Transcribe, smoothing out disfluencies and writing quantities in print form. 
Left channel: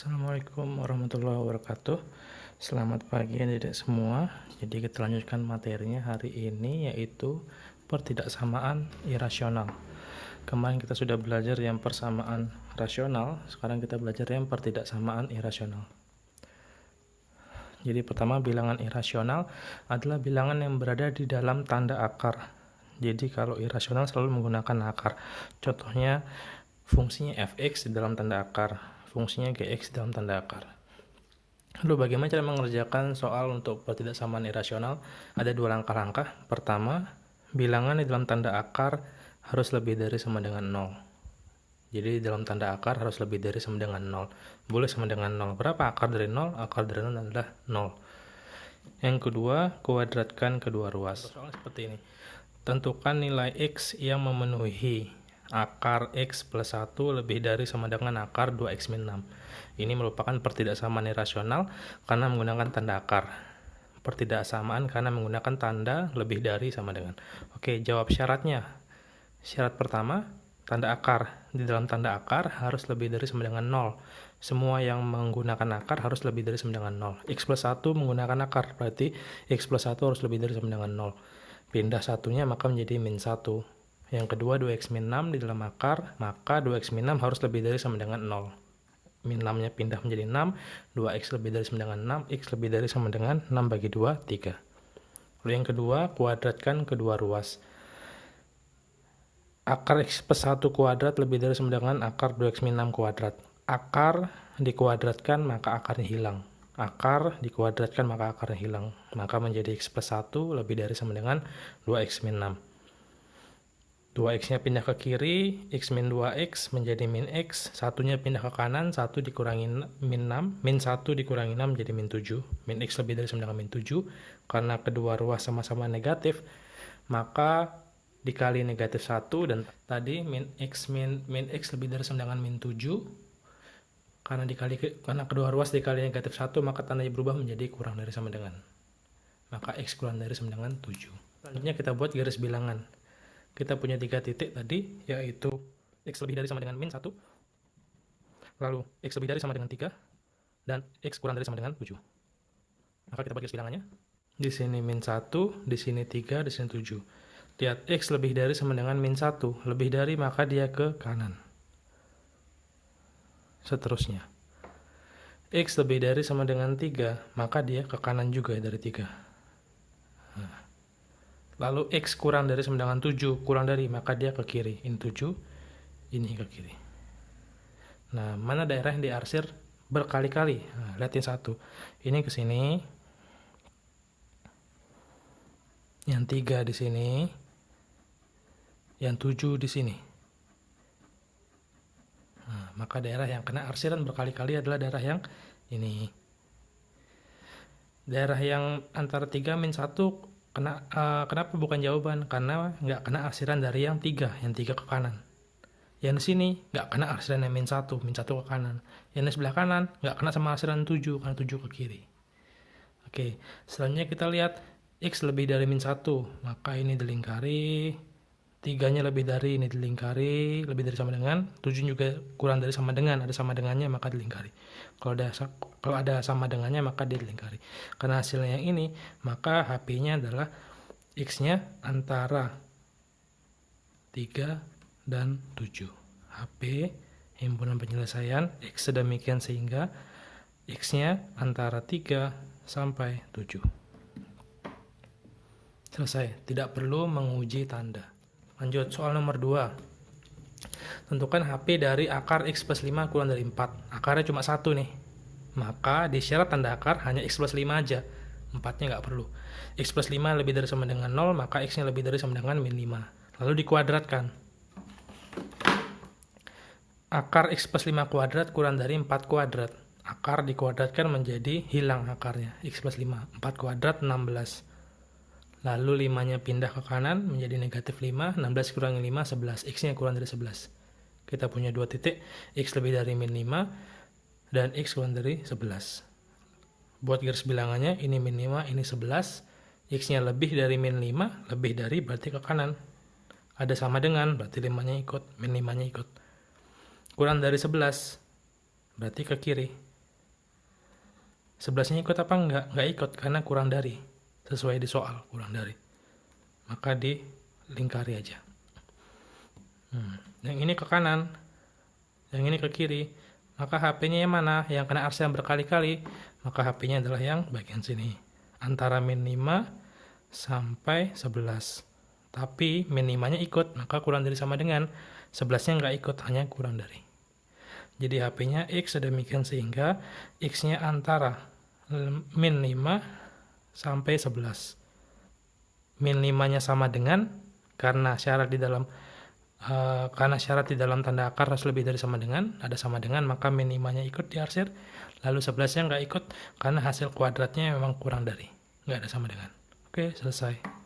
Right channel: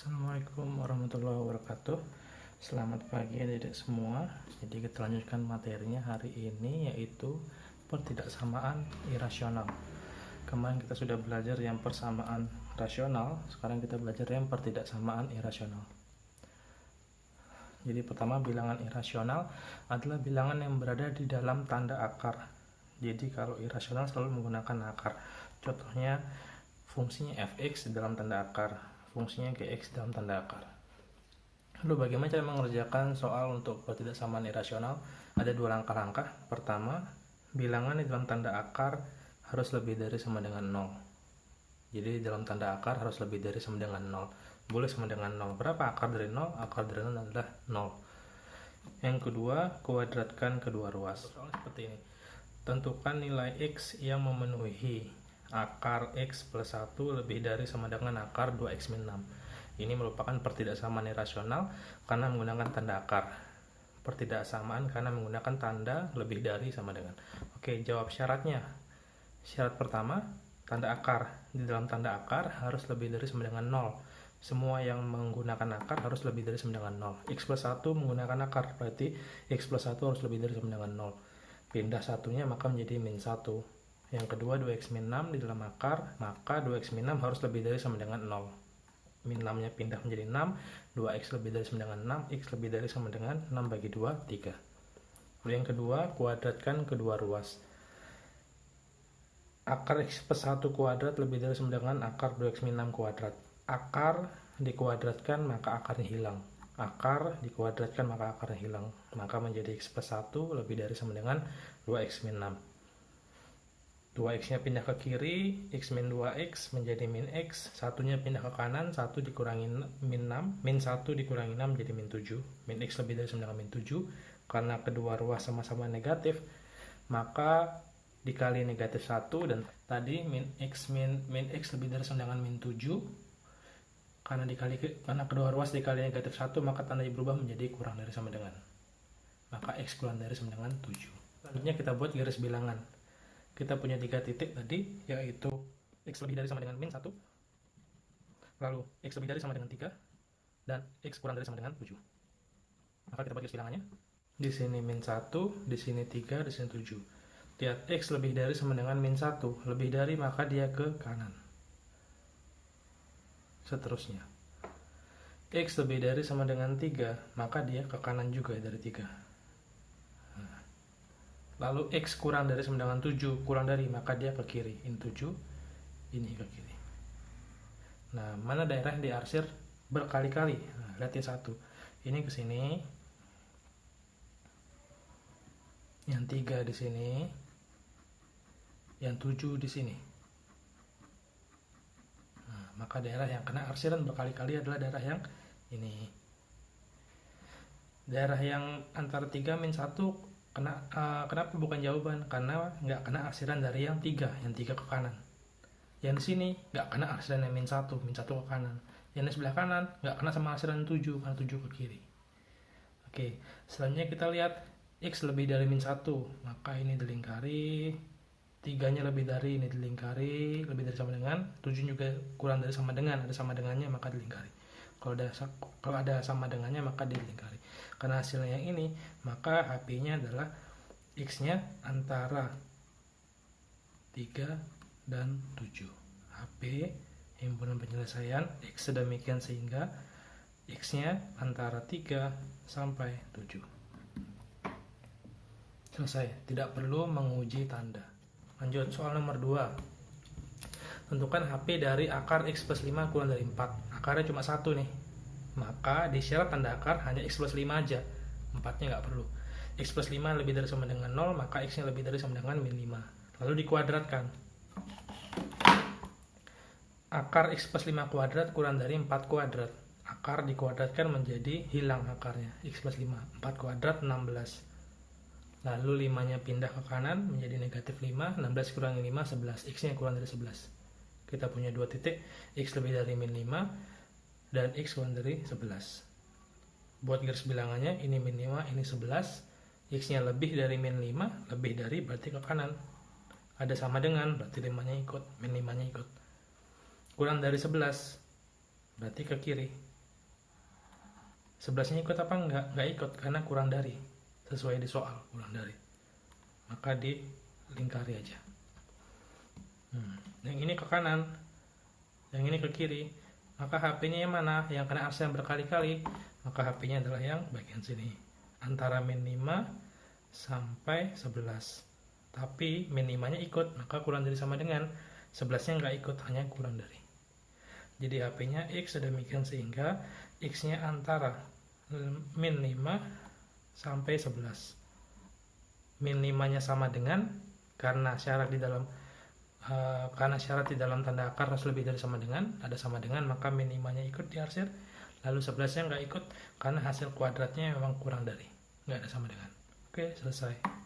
Assalamualaikum warahmatullahi wabarakatuh. Selamat pagi adik-adik semua. Jadi kita lanjutkan materinya hari ini, yaitu pertidaksamaan irasional. Kemarin kita sudah belajar yang persamaan rasional, sekarang kita belajar yang pertidaksamaan irasional. Jadi pertama, bilangan irasional adalah bilangan yang berada di dalam tanda akar. Jadi kalau irasional selalu menggunakan akar. Contohnya fungsinya fx di dalam tanda akar, fungsinya gx dalam tanda akar. Lalu bagaimana cara mengerjakan soal untuk pertidaksamaan irasional? Ada dua langkah-langkah. Pertama, bilangan di dalam tanda akar harus lebih dari sama dengan 0. Jadi dalam tanda akar harus lebih dari sama dengan 0. Boleh sama dengan 0. Berapa akar dari 0? Akar dari 0 adalah 0. Yang kedua, kuadratkan kedua ruas. Soalnya seperti ini. Tentukan nilai x yang memenuhi akar x plus 1 lebih dari sama dengan akar 2x min 6. Ini merupakan pertidaksamaan irasional karena menggunakan tanda akar. Pertidaksamaan karena menggunakan tanda lebih dari sama dengan. Oke, jawab syaratnya. Syarat pertama, tanda akar. Di dalam tanda akar harus lebih dari sama dengan 0. Semua yang menggunakan akar harus lebih dari sama dengan 0. X plus 1 menggunakan akar, berarti x plus 1 harus lebih dari sama dengan 0. Pindah satunya maka menjadi min 1. Yang kedua, 2x min 6 di dalam akar, maka 2x min 6 harus lebih dari sama dengan 0. Min 6-nya pindah menjadi 6, 2x lebih dari sama dengan 6, x lebih dari sama dengan 6 bagi 2, 3. Lalu yang kedua, kuadratkan kedua ruas. Akar x plus 1 kuadrat lebih dari sama dengan akar 2x min 6 kuadrat. Akar dikuadratkan, maka akarnya hilang. Akar dikuadratkan, maka akarnya hilang. Maka menjadi x plus 1 lebih dari sama dengan 2x min 6. 2x nya pindah ke kiri, x min 2x menjadi min x, satunya pindah ke kanan, 1 dikurangi min 6, min 1 dikurangi 6 menjadi min 7, min x lebih dari sama dengan min 7, karena kedua ruas sama-sama negatif, maka dikali negatif 1, dan tadi min x lebih dari sama dengan min 7, karena kedua ruas dikali negatif 1, maka tandanya berubah menjadi kurang dari sama dengan, maka x kurang dari sama dengan 7. Selanjutnya kita buat garis bilangan. Kita punya 3 titik tadi, yaitu x lebih dari sama dengan min 1, lalu x lebih dari sama dengan 3, dan x kurang dari sama dengan 7. Maka kita buat garis bilangannya. Di sini min 1, di sini 3, di sini 7. Lihat, x lebih dari sama dengan min 1, lebih dari maka dia ke kanan. Seterusnya. X lebih dari sama dengan 3, maka dia ke kanan juga dari 3. Lalu x kurang dari sama dengan 7, kurang dari, maka dia ke kiri. Ini 7, ini ke kiri. Nah, mana daerah yang diarsir berkali-kali? Nah, lihatin satu. Ini ke sini. Yang 3 di sini. Yang 7 di sini. Nah, maka daerah yang kena arsiran berkali-kali adalah daerah yang ini. Daerah yang antara 3 min 1 kenapa bukan jawaban? Karena nggak kena arsiran dari yang 3 ke kanan. Yang di sini nggak kena arsiran yang min 1 ke kanan. Yang di sebelah kanan nggak kena sama arsiran 7, karena 7 ke kiri. Oke, selanjutnya kita lihat x lebih dari min 1, maka ini dilingkari. 3-nya lebih dari, ini dilingkari, lebih dari sama dengan, 7 juga kurang dari sama dengan, ada sama dengannya maka dilingkari. Kalau ada sama dengannya maka dilingkari. Karena hasilnya yang ini, maka HP-nya adalah x-nya antara 3 dan 7. HP himpunan penyelesaian x sedemikian sehingga x-nya antara 3 sampai 7. Selesai, tidak perlu menguji tanda. Lanjut, soal nomor 2. Tentukan HP dari akar x plus 5 kurang dari 4. Akarnya cuma 1 nih. Maka di syarat tanda akar hanya x plus 5 aja. 4-nya nggak perlu. X plus 5 lebih dari sama dengan 0, maka x-nya lebih dari sama dengan min 5. Lalu dikuadratkan. Akar x plus 5 kuadrat kurang dari 4 kuadrat. Akar dikuadratkan menjadi hilang akarnya. X plus 5. 4 kuadrat 16. Lalu 5-nya pindah ke kanan menjadi negatif 5. 16 kurangi 5, 11. X-nya kurang dari 11. Kita punya 2 titik, x lebih dari min 5, dan x kurang dari 11. Buat garis bilangannya, ini min 5, ini 11. X-nya lebih dari min 5, lebih dari berarti ke kanan. Ada sama dengan, berarti 5-nya ikut, min 5-nya ikut. Kurang dari 11, berarti ke kiri. 11-nya ikut apa enggak? Enggak ikut karena kurang dari. Sesuai di soal, kurang dari. Maka dilingkari aja. Yang ini ke kanan, yang ini ke kiri. Maka HP-nya yang mana? Yang kena arsen berkali-kali. Maka HP-nya adalah yang bagian sini. Antara min 5 sampai 11. Tapi min 5-nya ikut, maka kurang dari sama dengan 11-nya nggak ikut, hanya kurang dari. Jadi HP-nya X sedemikian sehingga X-nya antara min 5 sampai 11. Min 5-nya sama dengan, karena syarat di dalam tanda akar harus lebih dari sama dengan, ada sama dengan, maka min 5-nya ikut diarsir, lalu 11-nya nggak ikut karena hasil kuadratnya memang kurang dari, nggak ada sama dengan. Oke, selesai.